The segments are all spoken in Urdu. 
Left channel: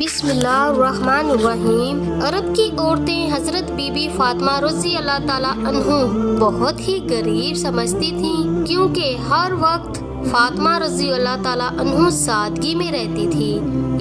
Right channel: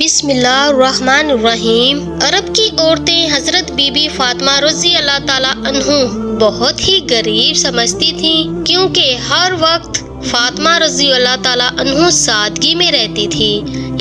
بسم اللہ الرحمن الرحیم۔ عرب کی عورتیں حضرت بی بی فاطمہ رضی اللہ تعالیٰ عنہ بہت ہی غریب سمجھتی تھیں، کیونکہ ہر وقت فاطمہ رضی اللہ تعالیٰ عنہ سادگی میں رہتی تھی۔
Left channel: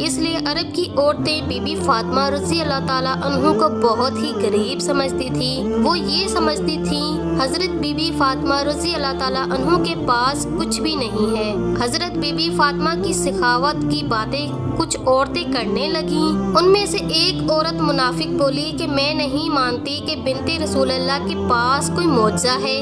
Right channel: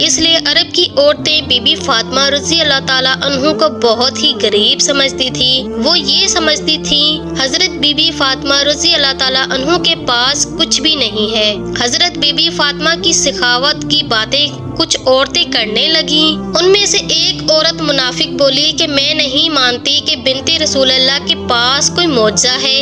اس لیے عرب کی عورتیں بی بی فاطمہ رضی اللہ تعالیٰ عنہ کو بہت ہی غریب سمجھتی تھی۔ وہ یہ سمجھتی تھی حضرت بی بی فاطمہ رضی اللہ تعالیٰ عنہ کے پاس کچھ بھی نہیں ہے۔ حضرت بی بی فاطمہ کی سخاوت کی باتیں کچھ عورتیں کرنے لگیں۔ ان میں سے ایک عورت منافق بولی کہ میں نہیں مانتی کہ بنت رسول اللہ کے پاس کوئی معجزہ ہے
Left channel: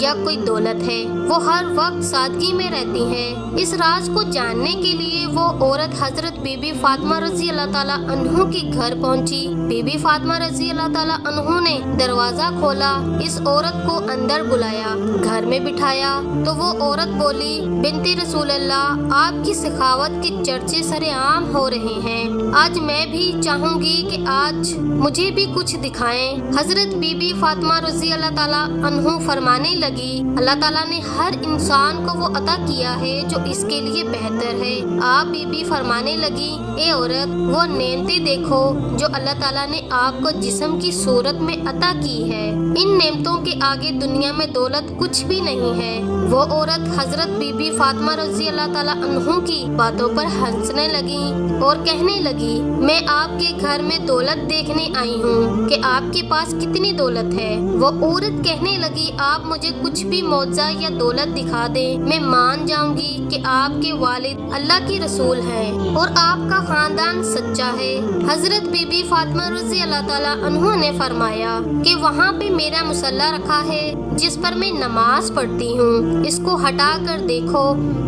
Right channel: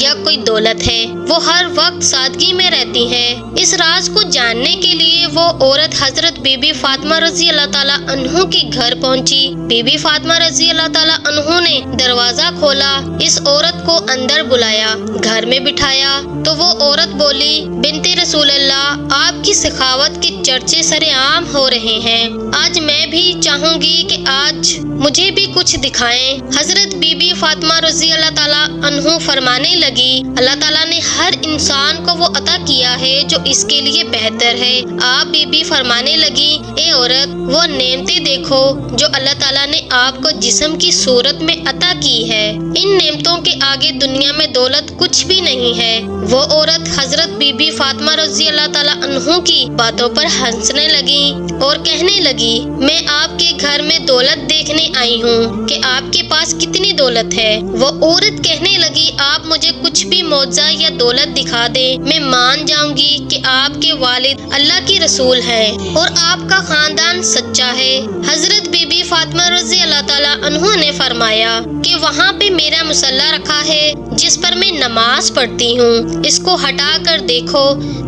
یا کوئی دولت ہے، وہ ہر وقت سادگی میں رہتی ہے۔ اس راز کو جاننے کے لیے وہ عورت حضرت بی بی فاطمہ رضی اللہ تعالیٰ عنہ کے گھر پہنچی۔ بی بی فاطمہ رضی اللہ تعالیٰ عنہ نے دروازہ کھولا، اس عورت کو اندر بلایا، گھر میں بٹھایا تو وہ عورت بولی، بنت رسول اللہ، آپ کی سخاوت کے چرچے سرے عام ہو رہے ہیں، آج میں بھی چاہوں گی کہ آج مجھے بھی کچھ دکھائیں۔ حضرت بی بی فاطمہ رضی اللہ تعالیٰ عنہ فرمانے لگی، اللہ تعالیٰ نے ہر انسان کو وہ عطا کیا ہے جو اس کے لیے بہتر ہے۔ آپ بی بی فرمانے لگی، اے عورت، وہ نعمتیں دیکھو جو اللہ تعالیٰ نے آپ کو جسم کی صورت میں عطا کی ہے، ان نعمتوں کے آگے دنیا میں دولت کچھ بھی نہیں ہے۔ وہ عورت حضرت بی بی فاطمہ رضی اللہ تعالیٰ عنہ کی باتوں پر ہنسنے لگی اور کہنے لگی، میں آپ کے گھر میں دولت دیکھنے آئی ہوں کہ آپ کے پاس کتنی دولت ہے۔ وہ عورت کہنے لگی، آپ مجھے کچھ بھی معجزہ یا دولت دکھا دیں، میں مان جاؤں گی کہ آپ کے والد اللہ کی رسول ہیں اور آپ کا خاندان سچا ہے۔ حضرت بی بی فاطمہ رضی اللہ تعالیٰ عنہ نے فرمایا کہ وہاں پہ میرا مصلی رکھا ہے جس پر میں نماز پڑھتی ہوں، اس کو ہٹا کر دیکھو،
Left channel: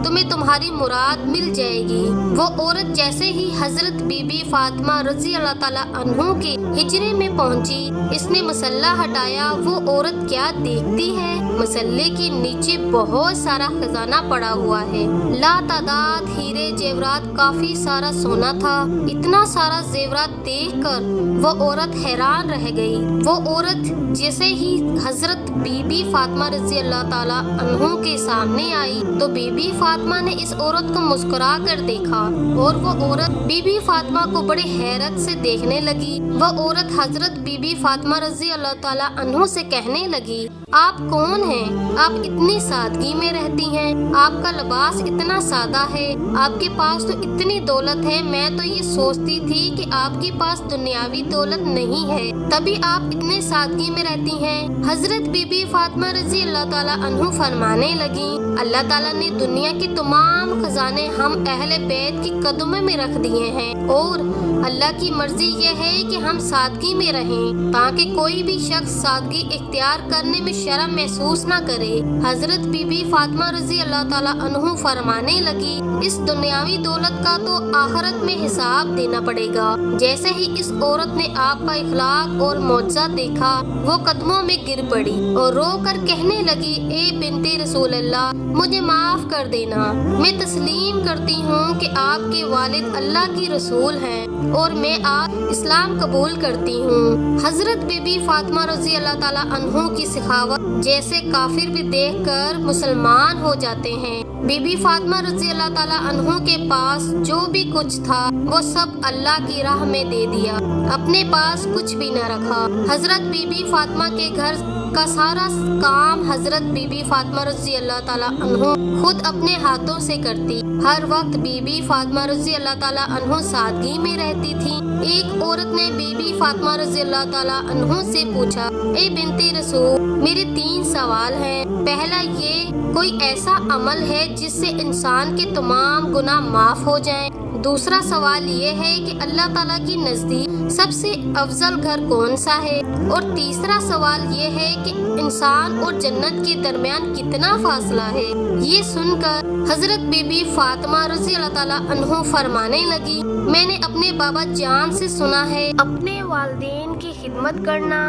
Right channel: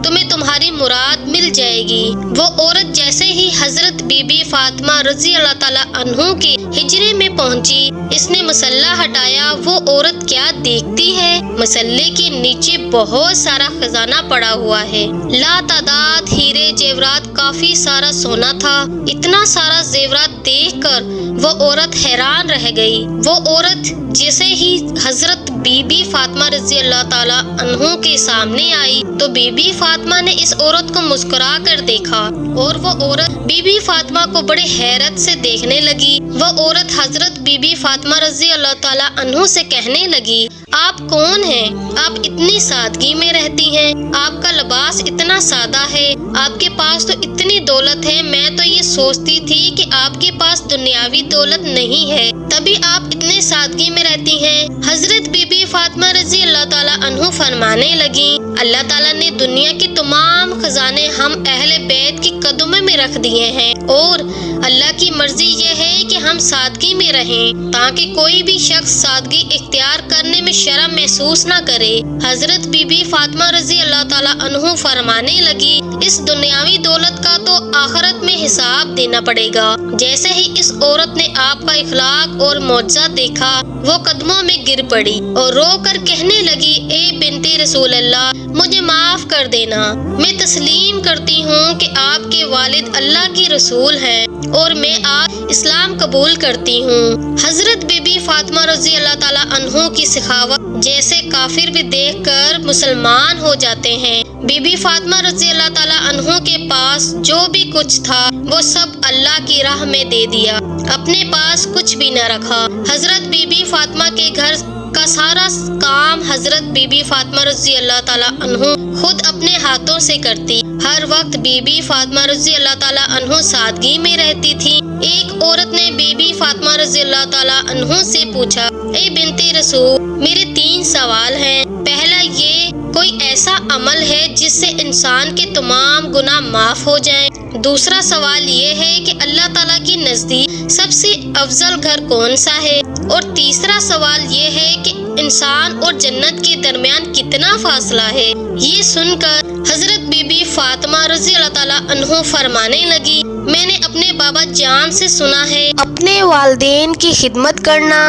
تمہیں تمہاری مراد مل جائے گی۔ وہ عورت جیسے ہی حضرت بی بی فاطمہ رضی اللہ تعالیٰ عنہ کے حجرے میں پہنچی، اس نے مصلی ہٹایا، وہ عورت کیا دیکھتی ہے، مصلی کے نیچے بہت سارا خزانہ پڑا ہوا ہے، لا تعداد ہیرے زیورات، کافی سارا سونا تھا۔ اتنا سارا زیورات دیکھ کر وہ عورت حیران رہ گئی۔ وہ عورت جیسے ہی حضرت بی بی فاطمہ رضی اللہ تعالیٰ عنہ کے سامنے آئی تو بی بی فاطمہ نے اس عورت کو مسکرا کر دیکھا اور وہ عورت بی بی فاطمہ کو بڑے حیرت سے دیکھنے لگی۔ وہ عورت حضرت بی بی فاطمہ رضی اللہ تعالیٰ عنہ سے کہنے لگی، آپ کون ہیں؟ آپ اتنی سادگی میں رہتی ہیں، آپ کا لباس اتنا سادہ ہے، آپ کے پاس تو اتنی دولت ہے، میں تو یہ سوچتی تھی کہ آپ کے پاس دنیاوی دولت نہیں ہے، تبھی آپ اتنے سادگی میں رہتی ہیں۔ حضرت بی بی فاطمہ رضی اللہ تعالیٰ عنہ فرمانے لگی، اللہ تعالیٰ نے دنیا کے تمام خزانے ہم اہل بیت کے قدموں میں رکھ دیے ہیں اور اللہ کی مرضی یہ ہے کہ ہم سادگی میں رہیں تاکہ کوئی بھی شخص سادگی اختیار کرنے میں شرم محسوس نہ کرے۔ حضرت بی بی فاطمہ رضی اللہ تعالیٰ عنہ فرمانے لگی، اس دنیاوی دولت کا تو آخرت میں حساب دینا پڑے گا۔ جیسے ہی اس عورت نے آپ کا اخلاق اور معجزہ دیکھا، وہ قدموں میں گر پڑی اور رو کر کہنے لگی، اے بنت رسول اللہ، مجھے معاف کر دینا، میں تسلیم کرتی ہوں کہ آپ کے والد اللہ کی رسول ہیں اور میں آپ اسلام قبول کرتی ہوں۔ حضرت بی بی فاطمہ رضی اللہ تعالیٰ عنہ کی سخاوت جیسے کافر بھی دیکھ کر مسلمان ہو جاتے ہیں۔ بی بی فاطمہ رضی اللہ تعالیٰ عنہ کے پاس جو بھی کچھ تھا وہ سب اللہ کی راہ میں دے دیا، اپنے پاس کچھ بھی نہ رکھا۔ حضرت بی بی فاطمہ کے گھر کا سارا کام حضرت بی بی فاطمہ رضی اللہ تعالیٰ عنہ خود اپنے ہاتھوں سے کرتی۔ ہر وقت بی بی فاطمہ رضی اللہ تعالیٰ عنہ سادگی میں رہتی تھی۔ ایک عورت نے بی بی فاطمہ رضی اللہ تعالیٰ عنہ سے پوچھا، اے بنت رسول، میرے 3 سوال ہیں۔ پہلا یہ، کوئی ایسا عمل ہے جس سے انسان کے تمام گناہ معاف ہو جائیں؟ دوسرا سوال یہ ہے کہ اللہ تعالیٰ کی نزدیک سب سے افضل گھر کون سا ہے؟ اور تیسرا سوال یہ ہے کہ انسان اور جنت کے درمیان کتنا فاصلہ ہے؟ یہ سن کر حضرت بی بی فاطمہ رضی اللہ تعالیٰ عنہ فرمانے لگی، میں نے اپنے بابا جان سے سنا ہے اپنے والدین کی خدمت کرنا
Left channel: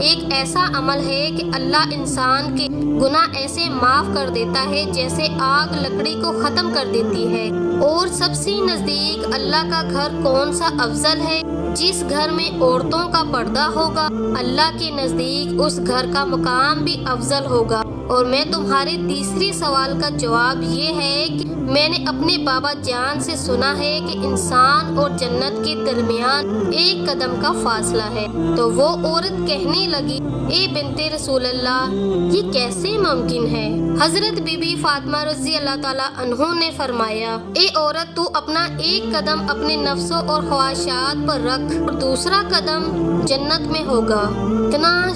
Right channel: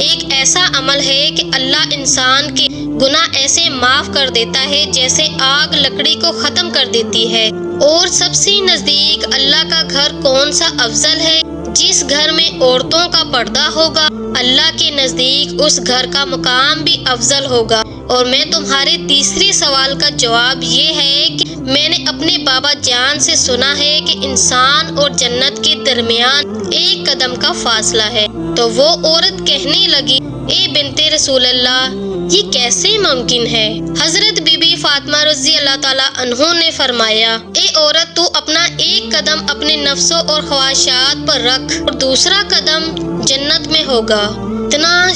ایک ایسا عمل ہے کہ اللہ انسان کے گناہ ایسے معاف کر دیتا ہے جیسے آگ لکڑی کو ختم کر دیتی ہے۔ اور سب سے نزدیک اللہ کا گھر کون سا افضل ہے؟ جس گھر میں عورتوں کا پردہ ہوگا اللہ کے نزدیک اس گھر کا مقام بھی افضل ہوگا۔ اور میں تمہارے تیسرے سوال کا جواب یہ ہے کہ میں نے اپنے بابا جان سے سنا ہے کہ انسان اور جنت کے درمیان ایک قدم کا فاصلہ ہے۔ تو وہ عورت کہنے لگی، اے بنت رسول اللہ، یہ کیسے ممکن ہے؟ حضرت بی بی فاطمہ رضی اللہ تعالیٰ عنہ نے فرمایا، اے عورت، تو اپنا ایک قدم اپنے نفسوں اور خواہشات پر رکھ اور دوسرا قدم جنت میں ہوگا۔ اتنا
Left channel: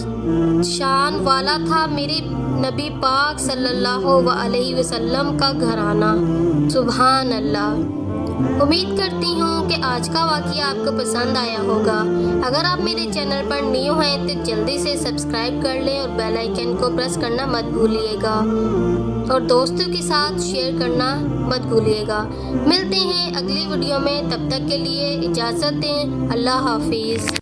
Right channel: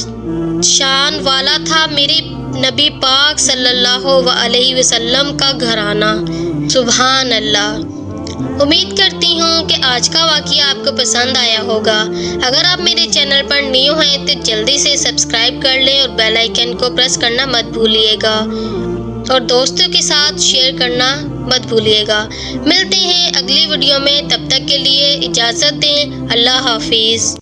شان والا تھا میرے نبی پاک صلی اللہ علیہ وسلم کا گھرانہ۔ سبحان اللہ۔ امید کرتی ہوں کہ آج کا واقعہ آپ کو پسند آیا ہوگا۔ اگر آپ میرے چینل پر نیو ہیں تو جلدی سے سبسکرائب کر لیں اور بیل آئیکن کو پریس کرنا مت بھولیے گا اور دوستوں کے ساتھ شیئر کرنا مت بھولیے گا۔ ملتے ہیں اگلی ویڈیو میں، تب تک کے لیے اجازت دیں۔ اللہ حافظ۔